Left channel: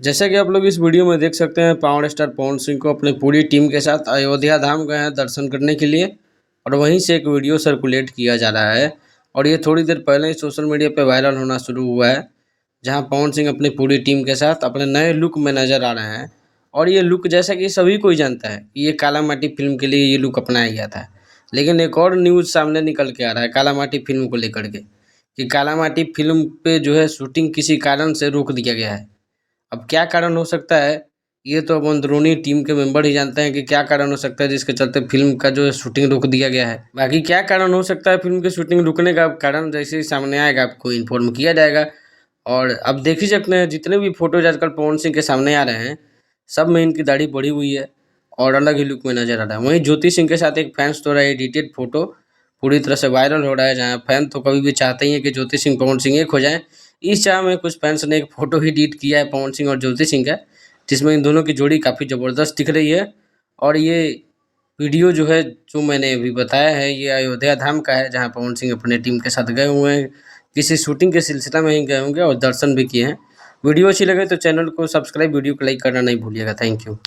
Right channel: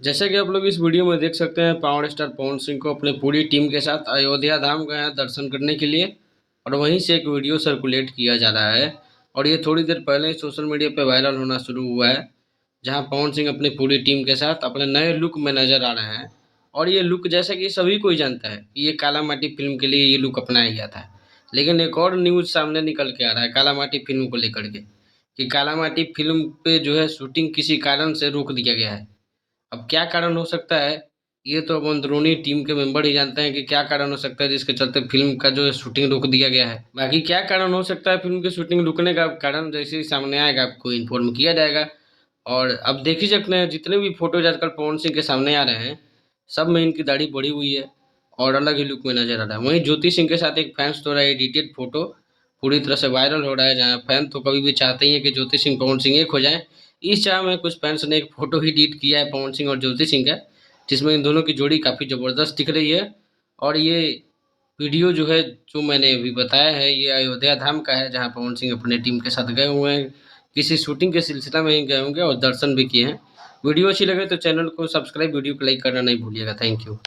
जैसा कि आप लोग इस वीडियो में देख सकते हैं, पावर स्टार पवन सिंह को अपनी पूरी टीम के साथ अयोध्या धाम गए हैं दर्शन करने के लिए। और वहीं से एक वीडियो सर्कुलेट किया जा रहा है और ये थोड़ी देर पहले ही सोशल मीडिया पे वायरल होना शुरू हुआ है, जहां पवन सिंह अपनी पूरी टीम के साथ अपने नए लुक में नज़र आ रहे हैं। और ये लुक, जैसा कि सभी कोई जानता है कि ये काला माटी फिल्म के लिए ये लुक अपनाया गया था। लेकिन एक और न्यूज़ सामने निकल के आ रहा है काला माटी फिल्म को लेकर के, कि काला माटी फिल्म पे जो है शूटिंग किसी कारण से रोक दिया गया है। अब क्या कारण हो सकता है, ये तो अब अंदरूनी टीम के मेंबर ही जानते हैं कि क्या कारण हो सकता है जिसके चलते फ़िल्म का जो है शूटिंग रोक दिया गया है। बाकी क्या कारण हो सकता है फ़िल्म की शूटिंग रुकने का, कारण जैसे ही सामने आएगा आपको इन्फॉर्म किया जाएगा। और अब देख ही सकते हैं जितने भी फ़ोटोज़ आजकल पवन सिंह के सामने आ रहे हैं, सब में इनकी दाढ़ी बढ़ी हुई है और अलग ही लुक में नज़र आ रहा है। वहीं ज्योति सिंह के साथ एक फैन्स द्वारा एडिटेड फ़ोटो पूरी तरह से वायरल हो रहा है, जहाँ फैन तो कभी भी चाहते ही हैं कि ज्योति सिंह, पवन सिंह एक हो जाएँ। इस चाह में कुछ फैन्स ने एक फ़ोटो ही एडिट किया है पवन सिंह और ज्योति सिंह का, जिसमें इन दोनों की जोड़ी काफ़ी ज़बरदस्त दिख रही है। और ये वीडियो जो है, जो मैंने अभी बताया है, ये अयोध्या धाम का है, जहाँ पवन सिंह अपने टीम के साथ गए हुए हैं। किसी शूटिंग के सिलसिला में ही गए होंगे और दर्शन भी किए हैं। वीडियो अच्छी लगे तो चैनल को सब्सक्राइब, वीडियो को लाइक करना नहीं भूलिएगा। Thank you.